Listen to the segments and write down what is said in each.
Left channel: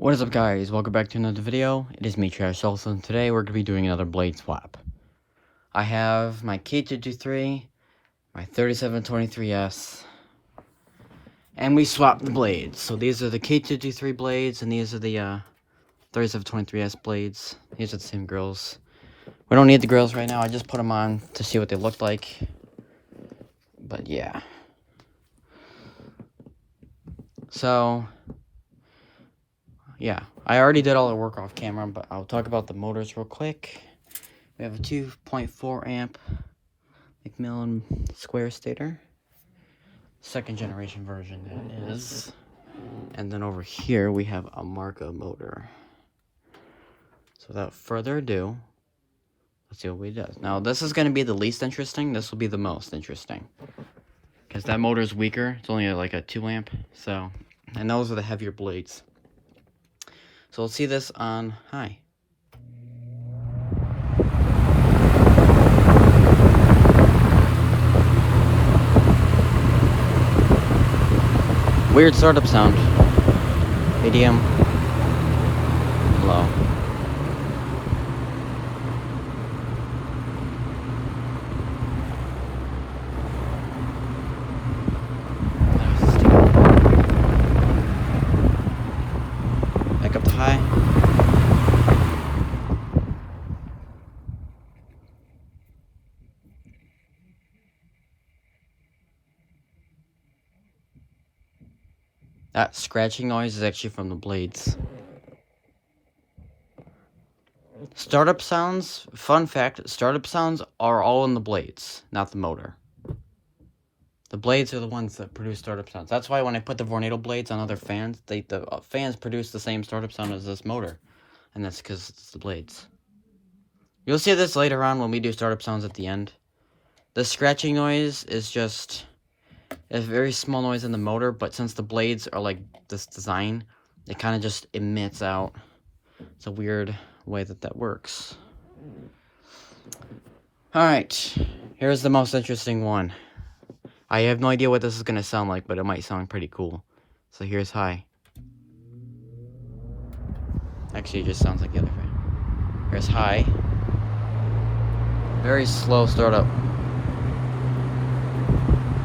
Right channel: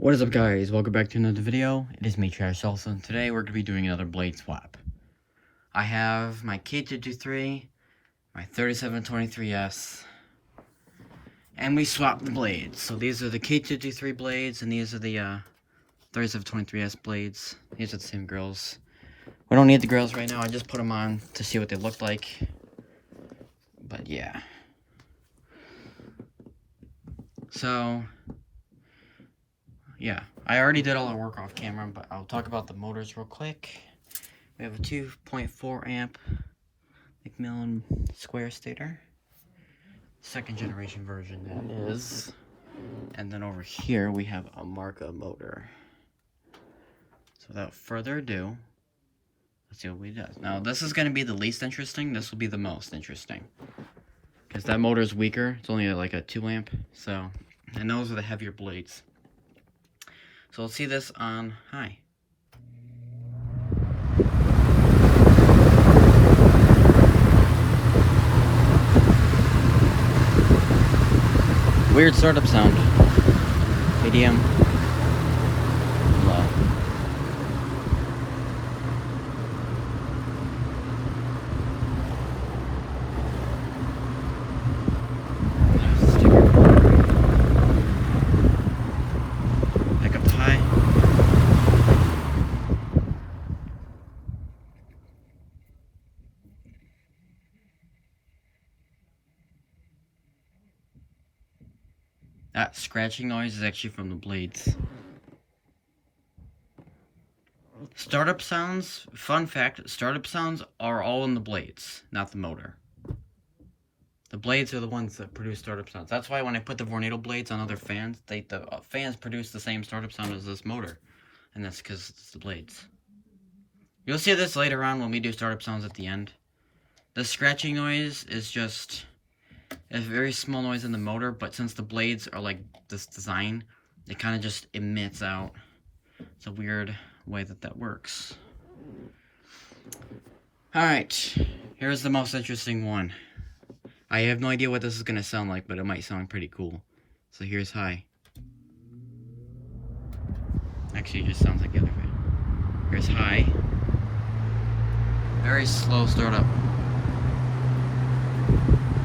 What is up, guys? Welcome back to another video. It is me, Trash Olson. Today we're going to be doing another blade swap. I have my K-223, my 3723S, and we swapped the blades. So these are the K-223 blades, and these are the 3723S blades. These are the same grills. We don't need the grills right now. I just put them on to see what they look like. But yeah. So yeah, I already did all the work off camera, but I'll talk about the motors real quick. We have a 2.4 amp McMillan square stator. Second generation version that is. And then over here we have a Marca motor. So without further ado, let's see what we do. Now this is going to be the least interesting. This will be the most interesting. Because that motor is weaker. It's only like a 2 amp. So, and those are the heavier blades. So let's see this on high. Weird startup sound. Medium. Low. Back up to high. That scratching noise is actually from the blades. Startup sounds, fun fact, startup sounds are all in the blades, not the motor. The blades are the ones that produce startup sounds. That's why when I put the Vornado blades on other fans, the fans produce the same startup sound as this motor. And that's because it's the blades. You'll see this later on when we do startup sounds at the end. The scratching noise is just a very small noise in the motor, but since the blades are like this design, it kind of just emits out. It's a weird way that works. Alright, here's the most interesting one. I have no idea what this is going to sound like, but it might sound pretty cool. So here's high. Actually, it just sounds like the other way. Here's high. Very slow startup.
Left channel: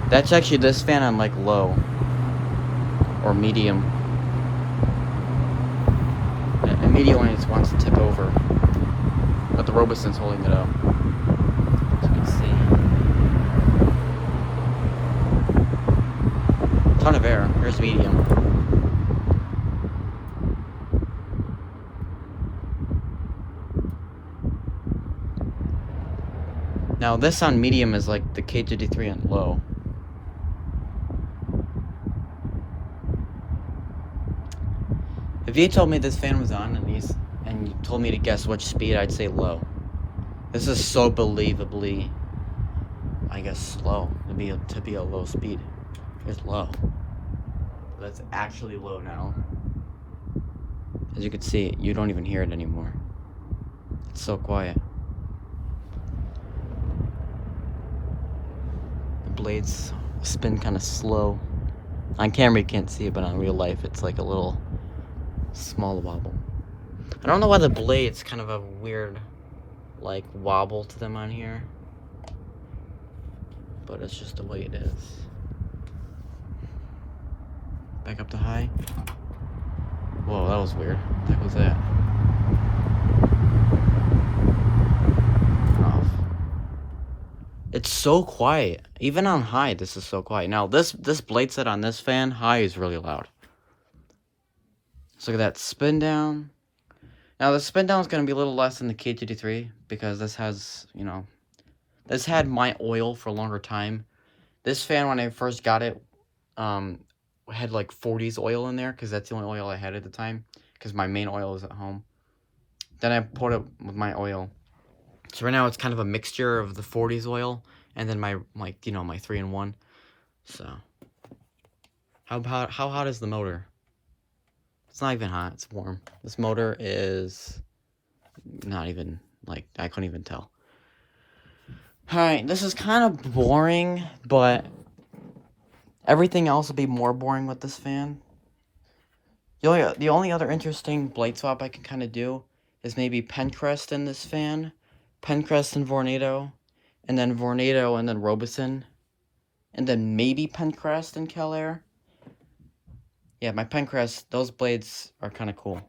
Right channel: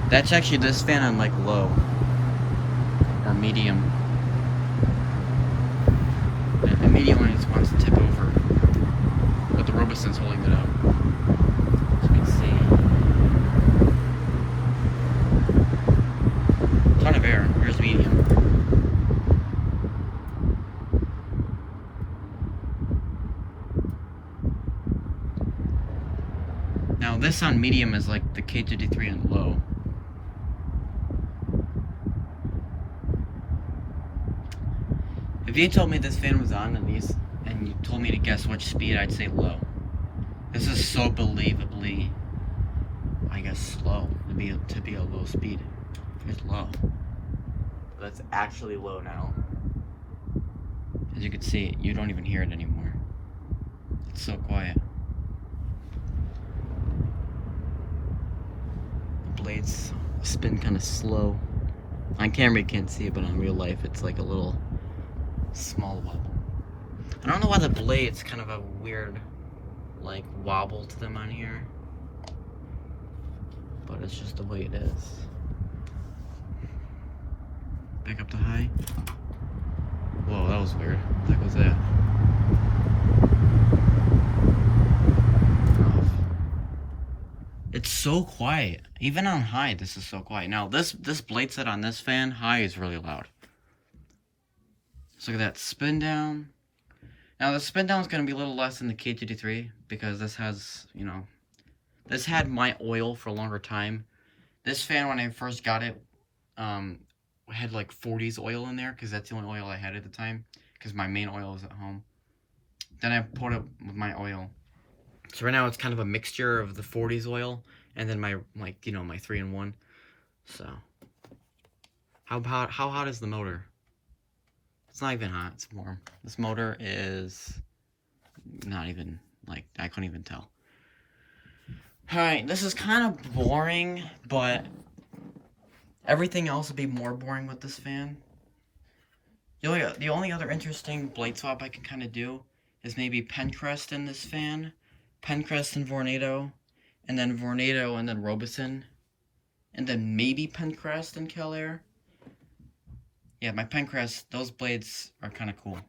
That's actually this fan on like low or medium. And medium one just wants to tip over, but the Robuson's holding it up. As you can see, ton of air. Here's medium. Now this on medium is like the K-223 on low. If you told me this fan was on and you told me to guess which speed, I'd say low. This is so believably, I guess, slow to be a low speed. It's low. That's actually low now. As you can see, you don't even hear it anymore. It's so quiet. The blades spin kind of slow. On camera you can't see it, but on real life it's like a little small wobble. I don't know why the blades kind of a weird like wobble to them on here, but it's just the way it is. Back up to high. Whoa, that was weird. What the heck was that? Oh. It's so quiet. Even on high, this is so quiet. Now this blade set on this fan, high is really loud. So look at that spin down. Now the spin down is going to be a little less than the K-223 because this has, you know, this had my oil for a longer time. This fan, when I first got it, had like 40s oil in there because that's the only oil I had at the time because my main oil is at home. Then I put it with my oil. So right now it's kind of a mixture of the 40s oil and then my 3-in-1. So how hot is the motor? It's not even hot, it's warm. This motor is not even, like, I couldn't even tell. Alright, this is kind of boring, but everything else will be more boring with this fan. The only other interesting blade swap I can kind of do is maybe Pencrest in this fan, Pencrest and Vornado, and then Vornado and then Robeson, and then maybe Pencrest and Kellair. Yeah, my Pencrest, those blades are kind of cool.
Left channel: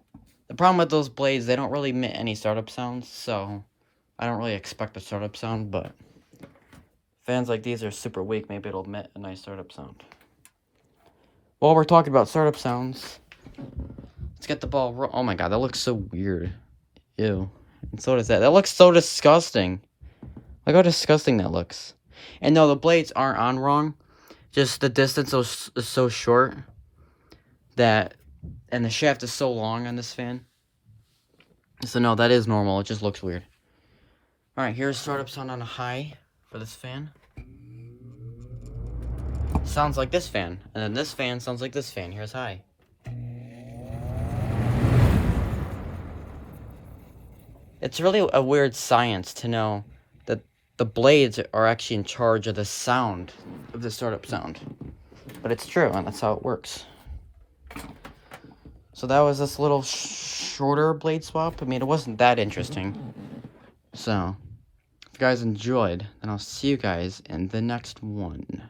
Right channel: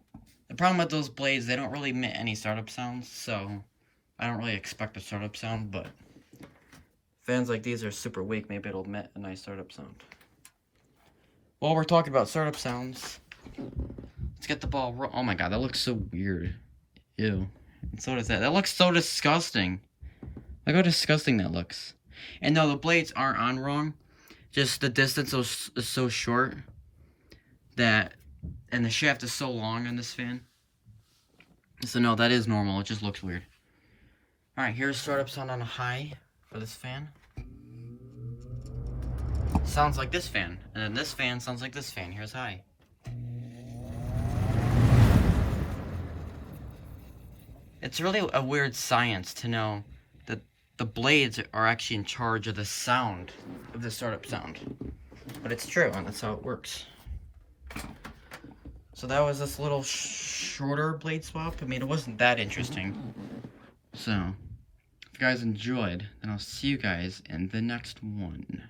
The problem with those blades, they don't really emit any startup sounds, so I don't really expect a startup sound, but fans like these are super weak. Maybe it'll emit a nice startup sound. While we're talking about startup sounds, let's get the ball. Oh my god, that looks so weird. Ew. And so does that. That looks so disgusting. Look how disgusting that looks. And no, the blades aren't on wrong. Just the distance is so short that, and the shaft is so long on this fan. So no, that is normal. It just looks weird. Alright, here's startup sound on a high for this fan. Sounds like this fan. And then this fan sounds like this fan. Here's high. It's really a weird science to know that the blades are actually in charge of the sound of the startup sound. But it's true, and that's how it works. So that was this little shorter blade swap. I mean, it wasn't that interesting. So, if you guys enjoyed, then I'll see you guys in the next one.